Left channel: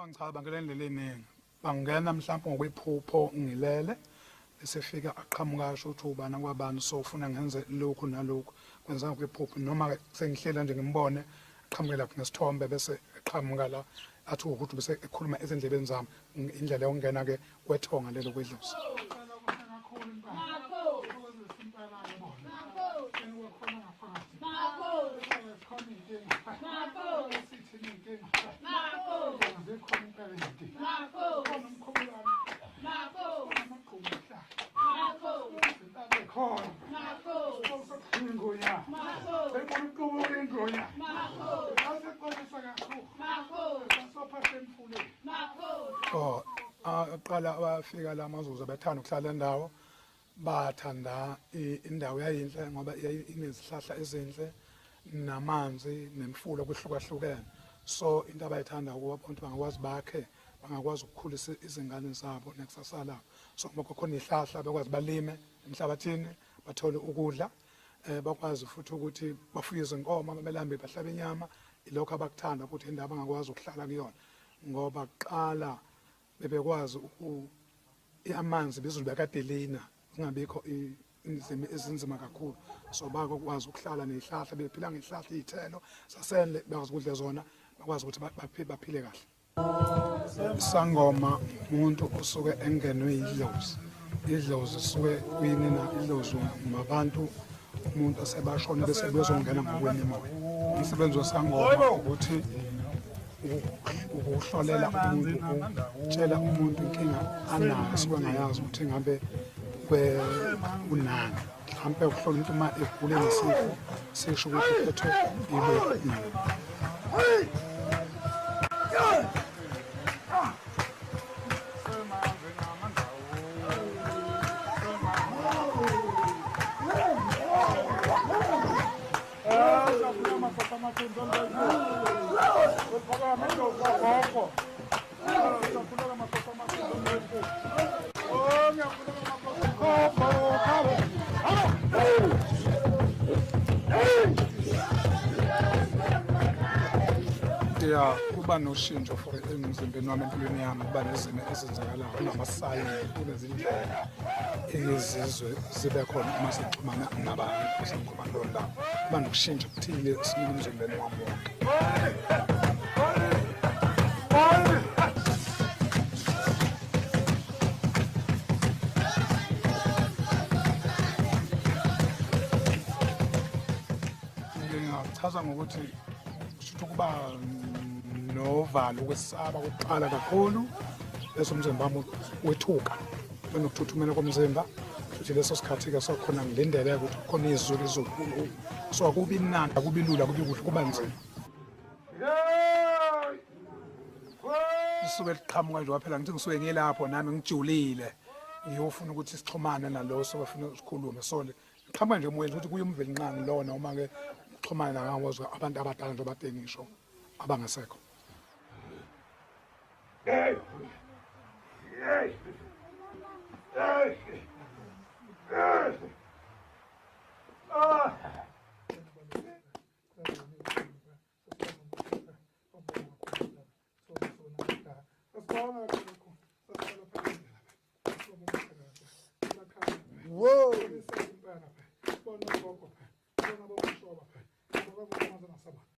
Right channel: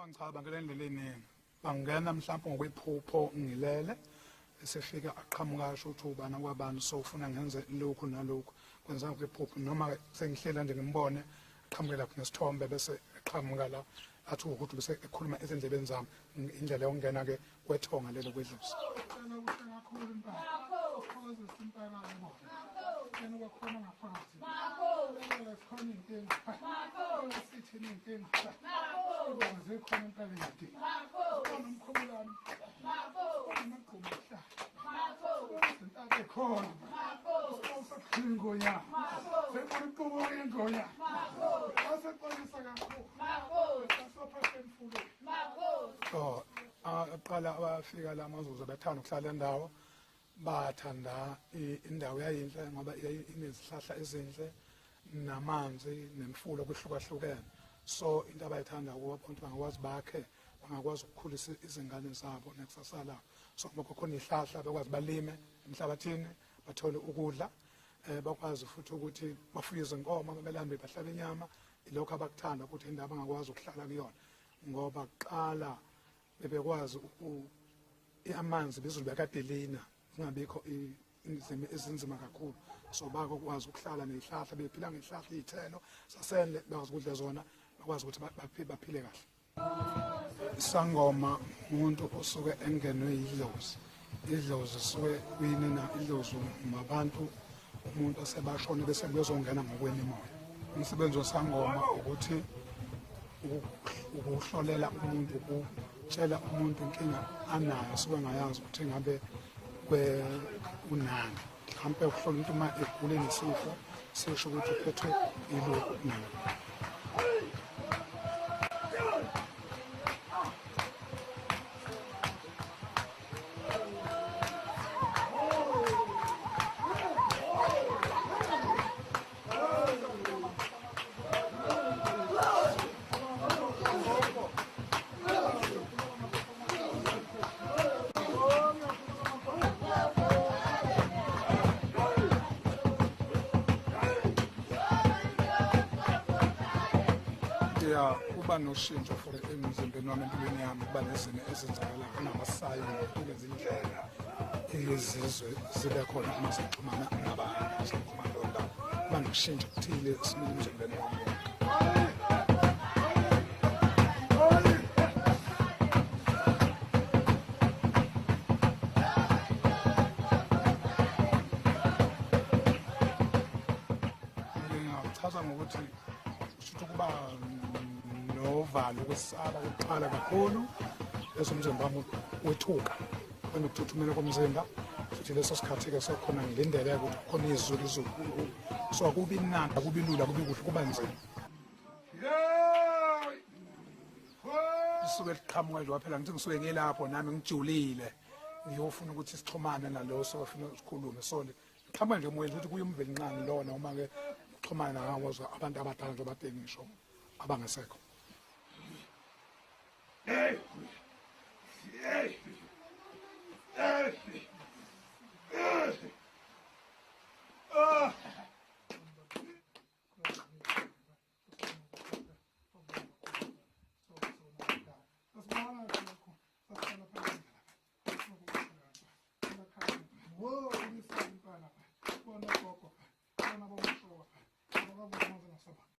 Bangichaba bangena indlela eningi. Bangena mhlawumbe ngokwephupho ngilele bese fika aqhamuka asho ukuthi ubani kwabani so ufuna ngenze lokhu nalokhu kwenza ngokwephupho noma sengihlela nje ngimbone aqhamukela nesithombe bese eqhamuka la athi ukuthi bese ekhuluma ezindlebeni zami indlela yokungena ke kwethonga lelo kwedlozi. Aqala abafika la mazuzu bethanda ukuhlala endawo bathanda indawo yayinhle ngoba inezihlahla ezinhle namanzi nemfulo kuhlukahlukene so into abayithanda ukuba abantu bangakwazi bakhe bangakwazi ukukhulisa izingane zabo nekusasa labo so ngoba khona ihlahla bekwazi balime emhlabathini bathole ukudla bakwazi futhi ukuthi bafuye izinkomo belambe bahlabe inyama ilokho abakuthanda ukuthi indawo bangakwazi ukuhlala kuyona ngoba qala bebekwazi amanzi bezulu bekadelina ingabikho izimo ezinzima kakhulu so bakwazi ukuhlala nezihlahla bephila ngezihlahla izithelo sasendle bakwazi ukudla zona bakwazi ukuthi baphile kahle. Isangoma umuntu usuke engenwe idlozi. Idlozi suke kuyinina idlozi ngabantu umuntu asebashona bese bezongena ngokwemoya. Umsebenzi wesangoma ukuthi ukuhlolela umuntu ukutshela umuntu inkinga anayo suke ngayazi ukuthi ngabe unani mhlawumbe ukuhlola umuntu uma egule nesifo sisho ukuthi uphethwe yilokhu nalo. Kuba noshintsho for emzimbeni wami empilweni yami kuba nezimo ezenzakalayo kunamasayini kunezindlela ezizwe zibe khona uma sixhumana nabantu basekhomanda londawo kuba nokushintsha okuthile esimeni emzimbeni wami wonke. Ngingachaza ngokuthi kusho ukuba novalo ukwesaba ukuqala kakhulu leso umzimba wami wethuka benokuthuthumela komzimba futhi leso sikhathi ke sokhona ngilindele ukuthi khona izulu so akubi nandi akubi lula kubi kuhle kuba nzima isuke liqhamuka nje waphela ngithi ngisuke ngilapho nami ngijulile ngiyofuna ukuthi sixhumane nalo sokufuna ukukhuluma so liqhamuka nje emoyeni ukuthi kuyumveli nqani lona uma ke uxhumana nawo abantu abadala nje abatengisho abangasekho. Hey! Hey! Hey!